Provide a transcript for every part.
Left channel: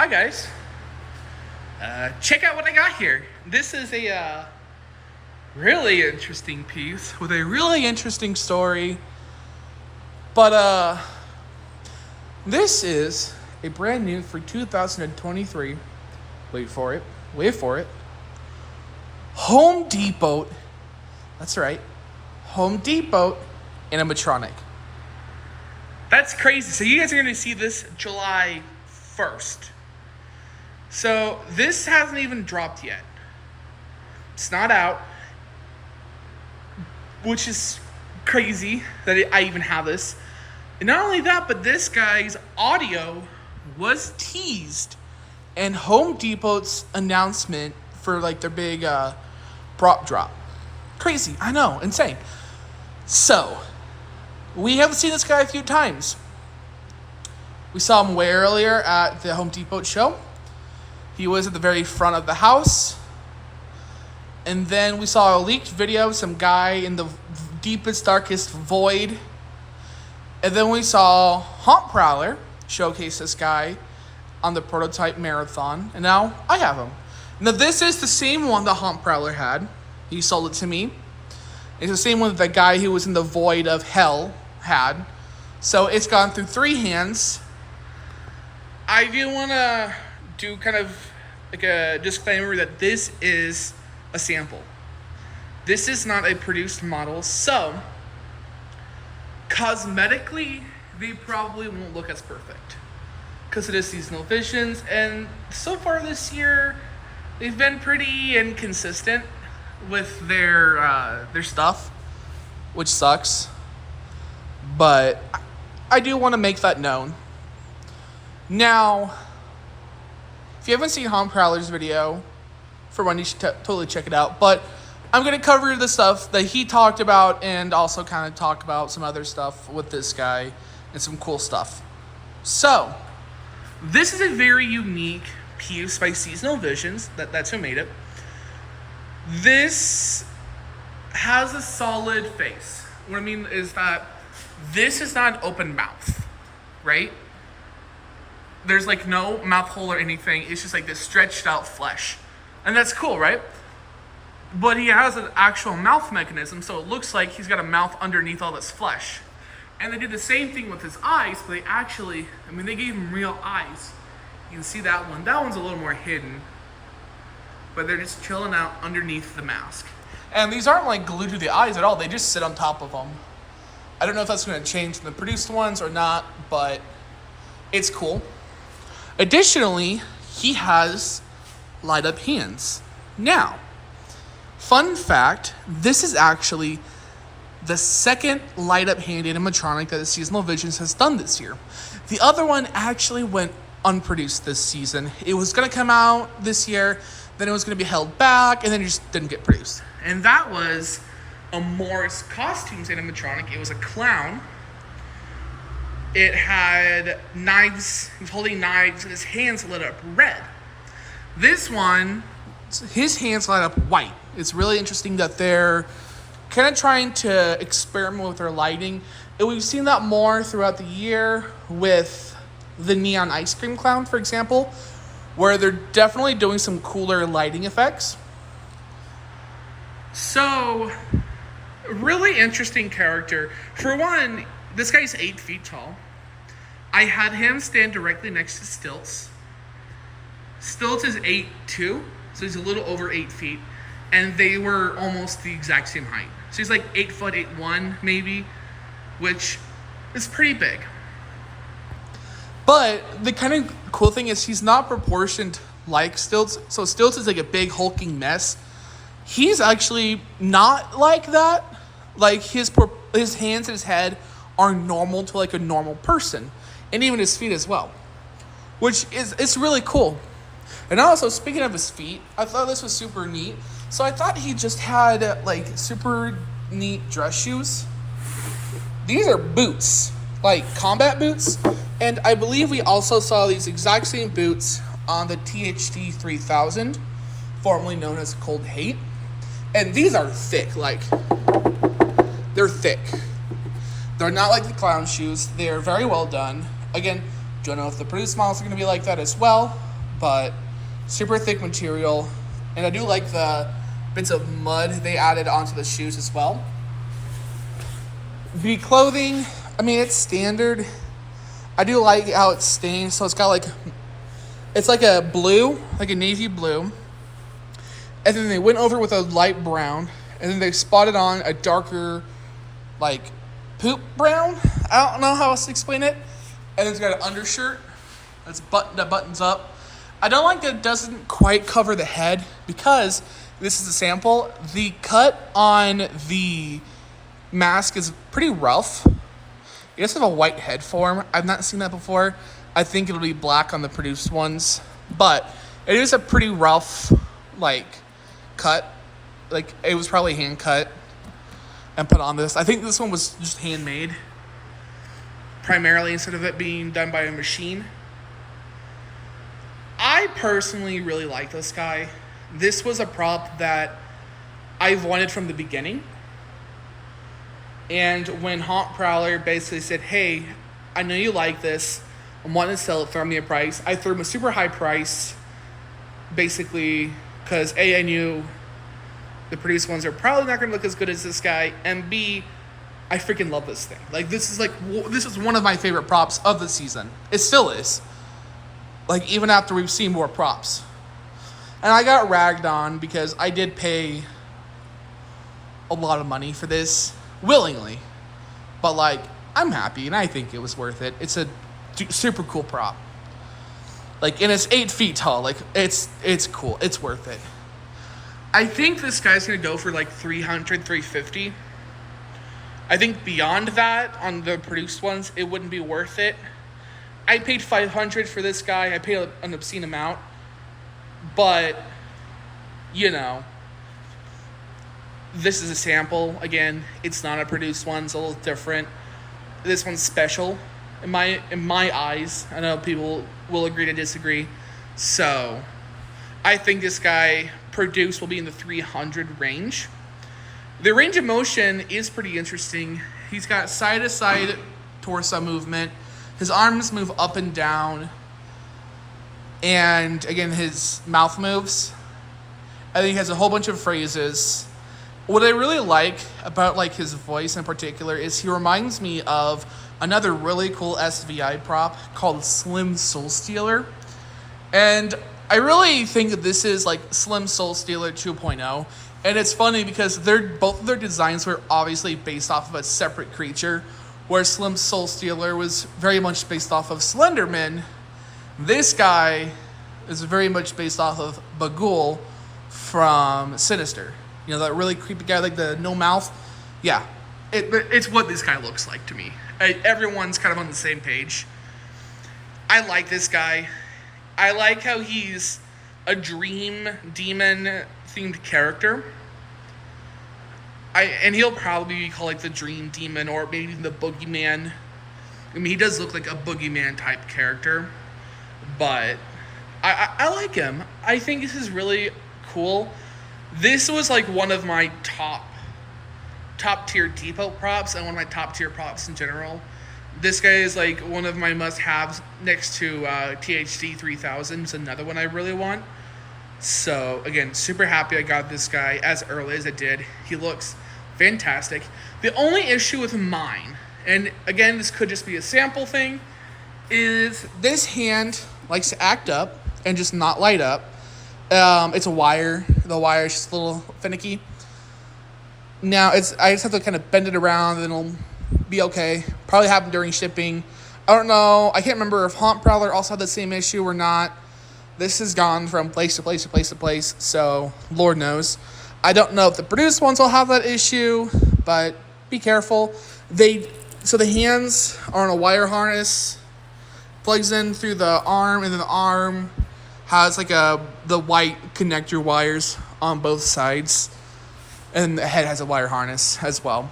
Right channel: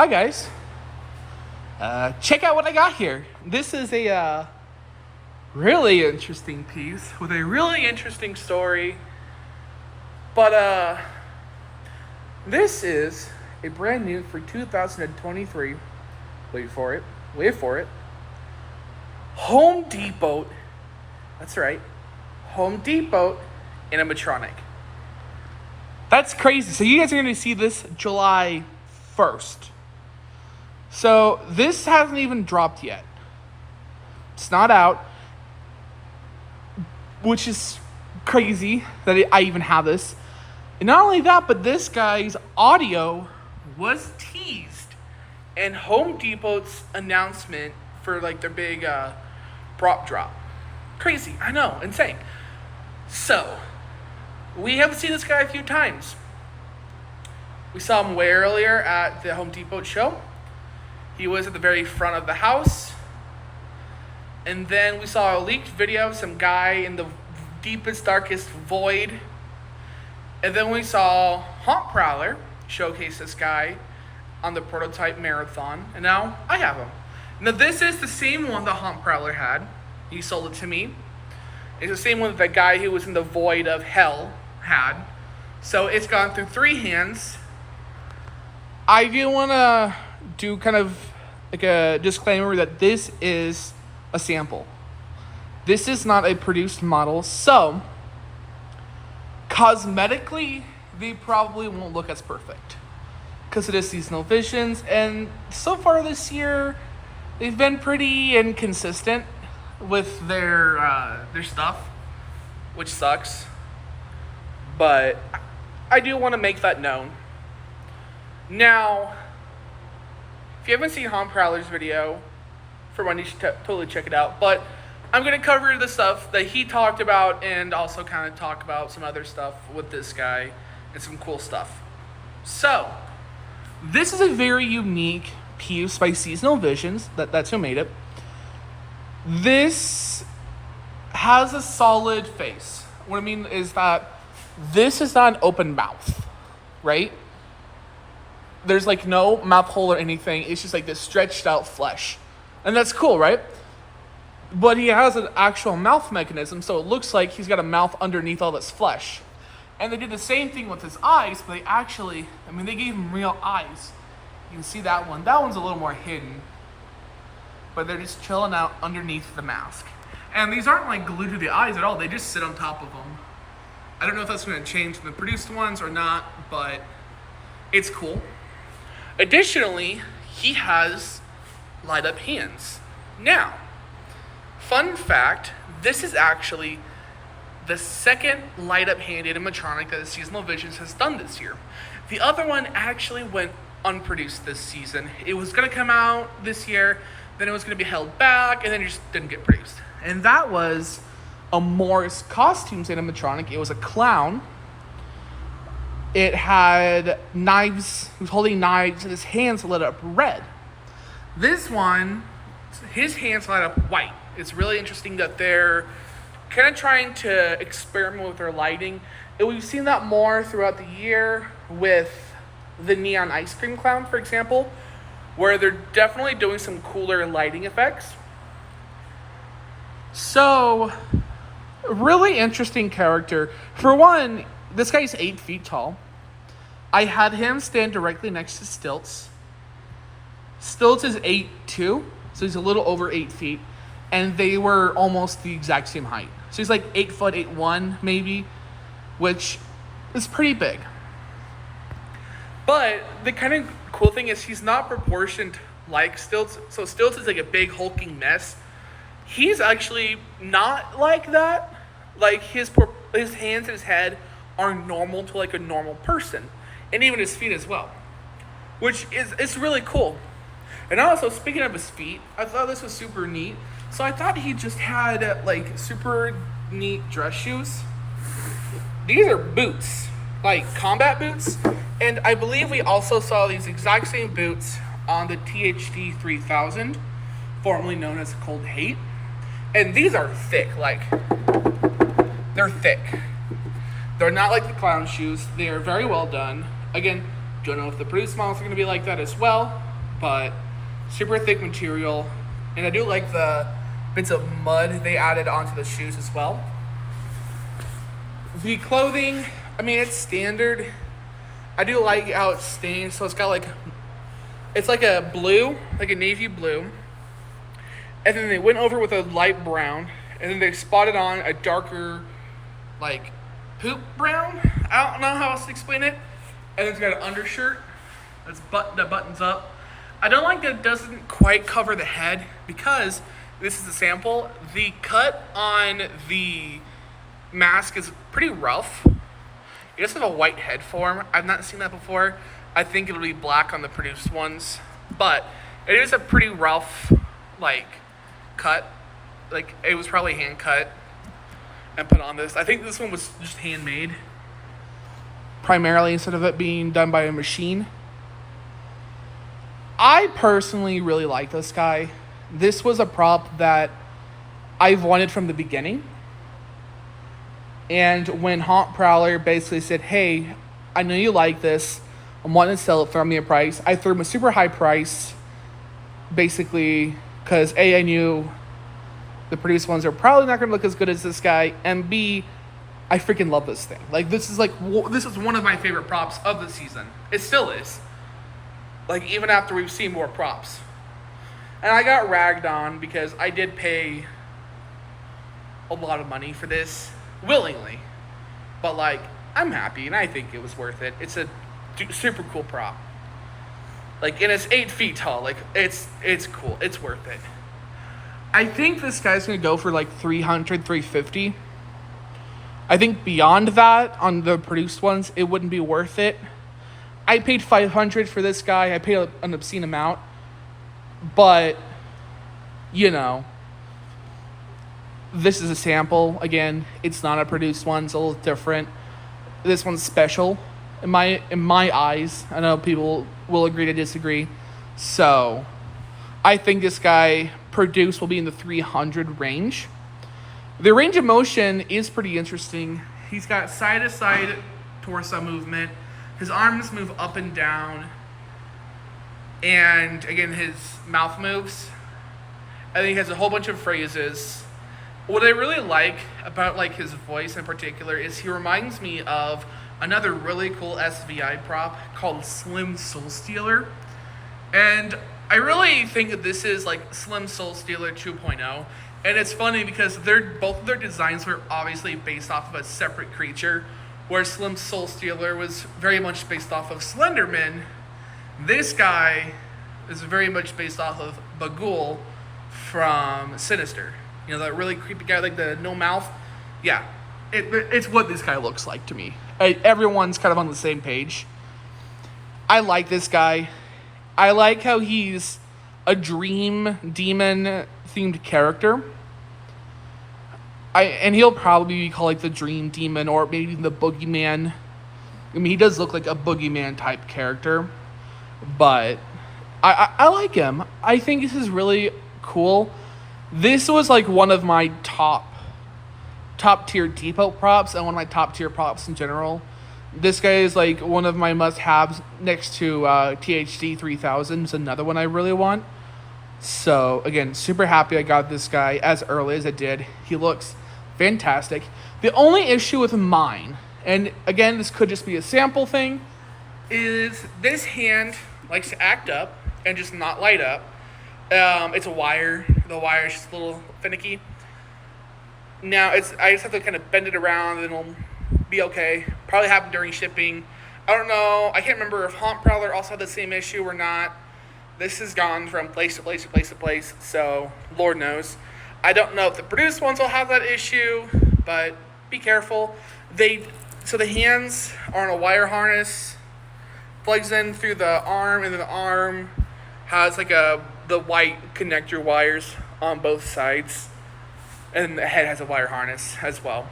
Hi guys, check out what I got here. This is a really interesting piece with a really interesting story, but this is a brand new for 2023, wait for it, Home Depot, that's right, Home Depot animatronic. That's crazy. So you guys are going to see this July 1st. So this hasn't even dropped yet. It's not out, which is crazy that I even have this. And not only that, but this guy's audio was teased in Home Depot's announcement for like their big prop drop. Crazy, I know, insane. So, we have seen this guy a few times. We saw him way earlier at the Home Depot show. He was at the very front of the house. And then we saw a leaked video of some guy in the deepest, darkest void. And then we saw Haunt Prowler showcase this guy on the prototype marathon. And now I have him. Now this is the same one that Haunt Prowler had. He sold it to me. It's the same one that the guy who was in the void of hell had. So it's gone through 3 hands. I do want to do kind of like a disclaimer that this is a sample. This is not a produced model, so cosmetically they probably won't look as perfect because it is seasonal visions, and so far this year they've been pretty inconsistent with their stuff, which sucks. But I do want to make that known. Now, if you haven't seen Haunt Prowler's video, for one, you should totally check it out. But I'm going to cover the stuff that he talked about and also kind of talk about some other stuff with this guy and some cool stuff. So, this is a very unique piece by Seasonal Visions. That's who made it. This has a solid face. What I mean is that this is not an open mouth, right? There's like no mouth hole or anything. It's just like this stretched out flesh. And that's cool, right? But he has an actual mouth mechanism, so it looks like he's got a mouth underneath all this flesh. And they did the same thing with his eyes, but they actually, they gave him real eyes. You can see that one. That one's a little more hidden. But they're just chilling out underneath the mask. And these aren't like glued to the eyes at all. They just sit on top of them. I don't know if that's going to change from the produced ones or not, but it's cool. Additionally, he has light up hands. Now, fun fact, this is actually the second light up hand animatronic that the Seasonal Visions has done this year. The other one actually went unproduced this season. It was going to come out this year, then it was going to be held back, and then it just didn't get produced. And that was a Morris Costumes animatronic. It was a clown. It had knives. He was holding knives, and his hands lit up red. This one, his hands light up white. It's really interesting that they're kind of trying to experiment with their lighting. And we've seen that more throughout the year with the Neon Ice Cream Clown, for example, where they're definitely doing some cooler lighting effects. So, really interesting character. For one, this guy's 8 feet tall. I had him stand directly next to Stilts. Stilts is 8'2", so he's a little over 8 feet. And they were almost the exact same height. So he's like 8 foot, 8'1", maybe, which is pretty big. But the kind of cool thing is he's not proportioned like Stilts. So Stilts is like a big hulking mess. He's actually not like that. Like his hands and his head are normal to like a normal person. And even his feet as well. Which is really cool. And also, speaking of his feet, I thought this was super neat. So I thought he just had like super neat dress shoes. These are boots, like combat boots. And I believe we also saw these exact same boots on the THT 3000, formerly known as Cold Hate. And these are thick, like, they're thick. They're not like the clown shoes. They are very well done. Again, don't know if the produced models are going to be like that as well, but super thick material. And I do like the bits of mud they added onto the shoes as well. The clothing, I mean, it's standard. I do like how it's stained, so it's got like, it's like a blue, like a navy blue. And then they went over with a light brown, and then they spotted on a darker, like, poop brown. I don't know how else to explain it. And then it's got an undershirt that buttons up. I don't like that it doesn't quite cover the head, because this is a sample. The cut on the mask is pretty rough. It does have a white head form. I've not seen that before. I think it'll be black on the produced ones, but it is a pretty rough, like, cut. Like, it was probably hand cut and put on this. I think this one was just handmade primarily, instead of it being done by a machine. I personally really like this guy. This was a prop that I've wanted from the beginning. And when Haunt Prowler basically said, hey, I know you like this, I'm wanting to sell it, throw me a price. I threw him a super high price, basically, because A, I knew the produced ones are probably not going to look as good as this guy, and B, I freaking love this thing. Like, this is one of my favorite props of the season. It still is. Like, even after we've seen more props. And I got ragged on because I did pay a lot of money for this, willingly. But, like, I'm happy, and I think it was worth it. It's a super cool prop. Like, and it's 8 feet tall. Like, it's cool. It's worth it. I think this guy's going to go for, like, $300, $350. I think beyond that, on the produced ones, it wouldn't be worth it. I paid $500 for this guy. I paid an obscene amount. But, you know, this is a sample. Again, it's not a produced one. It's a little different. This one's special in my eyes. I know people will agree to disagree. So, I think this guy produced will be in the 300 range. The range of motion is pretty interesting. He's got side-to-side torso movement. His arms move up and down. And, again, his mouth moves. And he has a whole bunch of phrases. What I really like about, like, his voice in particular is he reminds me of another really cool SVI prop called Slim Soul Stealer. And I really think that this is, like, Slim Soul Stealer 2.0. And it's funny because both of their designs were obviously based off of a separate creature, where Slim Soul Stealer was very much based off of Slenderman. This guy is very much based off of Bagul from Sinister. You know, that really creepy guy, like the no mouth. Yeah, it's what this guy looks like to me. Everyone's kind of on the same page. I like this guy. I like how he's a dream demon themed character. And he'll probably be called, like, the Dream Demon, or maybe the Boogeyman. I mean, he does look like a Boogeyman type character, but I like him. I think this is really cool. This was, like, one of my top tier depot props, and one of my top tier props in general. This guy is, like, one of my must-haves next to THD 3000. It's another one I really want. So, again, super happy I got this guy as early as I did. He looks fantastic. The only issue with mine, and again, this could just be a sample thing, is this hand likes to act up and just not light up. It's a wire. The wire is just a little finicky. Now, I just have to kind of bend it around and it'll be okay. Probably happened during shipping. I don't know. I can't remember if Haunt Prowler also had the same issue or not. This has gone from place to place to place to place, so Lord knows. I don't know if the produced ones will have that issue, but be careful. So the hands are on a wire harness, plugs in through the arm, and then the arm has like the white connector wires on both sides, and the head has a wire harness as well.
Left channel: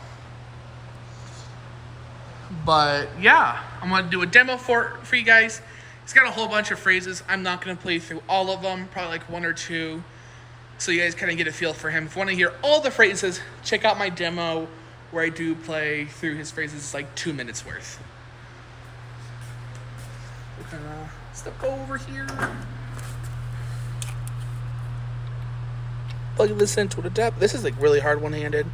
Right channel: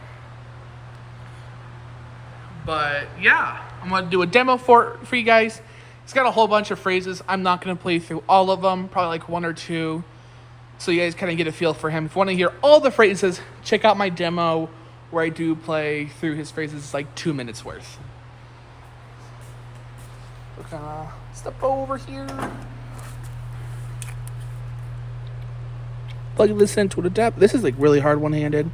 But yeah, I'm gonna do a demo for you guys. It's got a whole bunch of phrases. I'm not going to play through all of them, probably like one or two, so you guys kind of get a feel for him. If you want to hear all the phrases, check out my demo where I do play through his phrases. It's like 2 minutes worth. We're going to step over here. plug this into the depth. This is like really hard one-handed.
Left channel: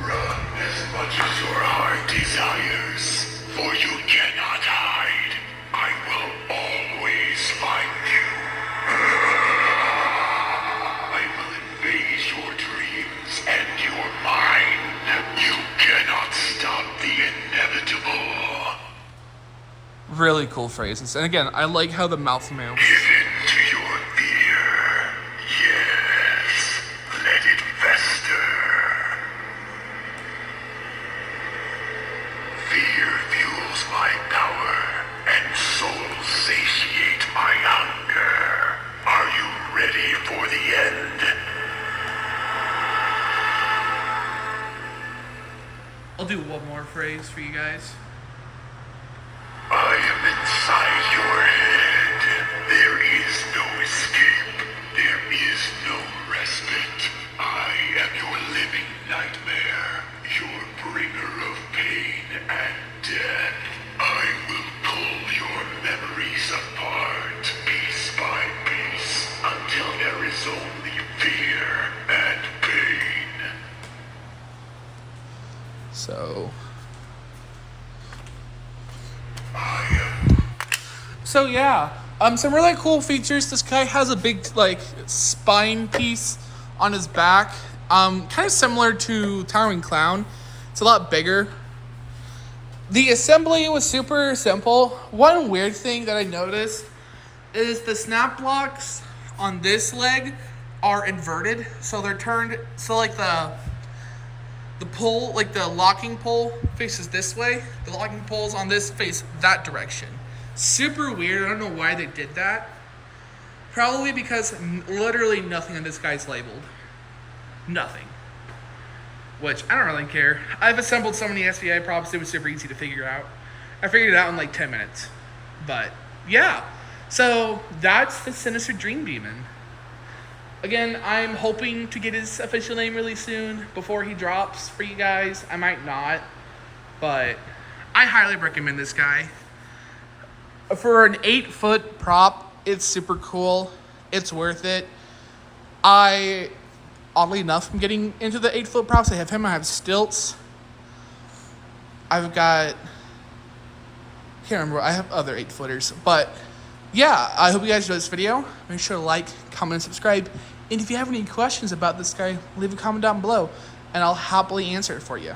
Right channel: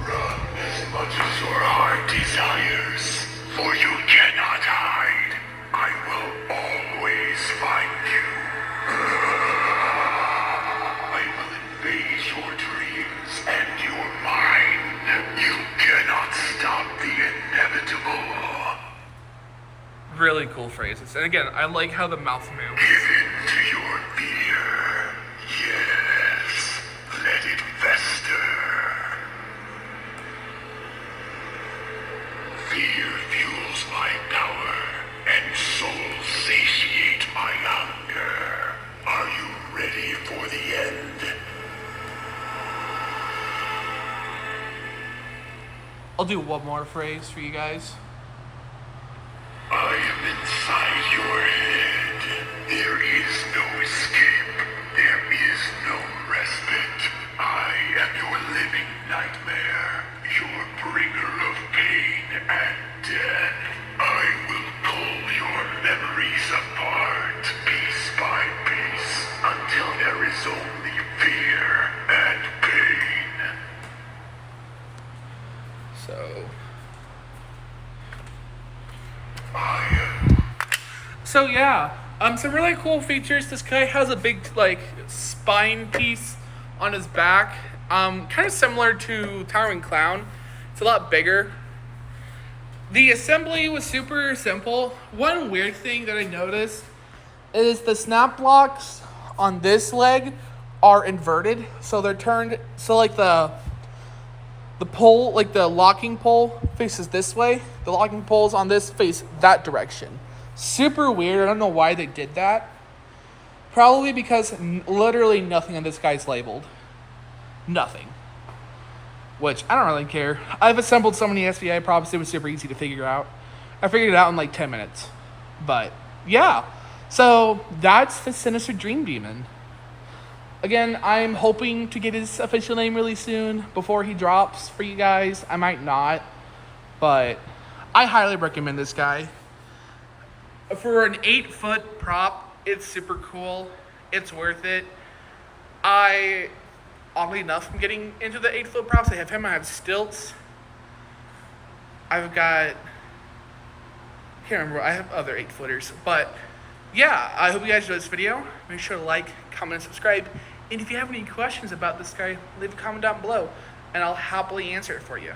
Run as much as your heart desires, for you cannot hide. I will always find you. I will invade your dreams and your mind. You cannot stop the inevitable. Really cool phrases. And again, I like how the mouth moves. Give in to your fear. Yes. Let it fester. Fear fuels my power, and souls satiate my hunger. Are you ready for the end? I'll do one more phrase for you guys. I am inside your head. There is no escape. There is no respite. I am your living nightmare, your bringer of pain and death. I will pull your memories apart, piece by piece, until there is only fear and pain. So... So yeah, some really cool features. This guy has a big like spine piece on his back, kind of similar to Towering Clown. It's a lot bigger. The assembly was super simple. One weird thing that I noticed is the snap blocks on this leg are inverted, so they're turned. So like the pole, like the locking pole faces this way. The locking poles on this face that direction. Super weird. I don't know why they did that. Probably because literally nothing on this guy's labeled. Nothing. Which, I don't really care. I've assembled so many SVI props, it was super easy to figure out. I figured it out in like 10 minutes. But, yeah. So, that's the Sinister Dream Demon. Again, I'm hoping to get his official name really soon before he drops for you guys. I might not. But, I highly recommend this guy. For an 8-foot prop, it's super cool. It's worth it. Oddly enough, I'm getting into the 8-foot props. I have him, I have stilts. I've got, can't remember, I have other 8-footers. But yeah, I hope you guys enjoyed this video. Make sure to like, comment, and subscribe. And if you have any questions about this guy, leave a comment down below and I'll happily answer it for you.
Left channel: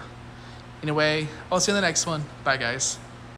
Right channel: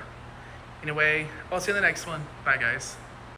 Anyway, I'll see you in the next one. Bye guys.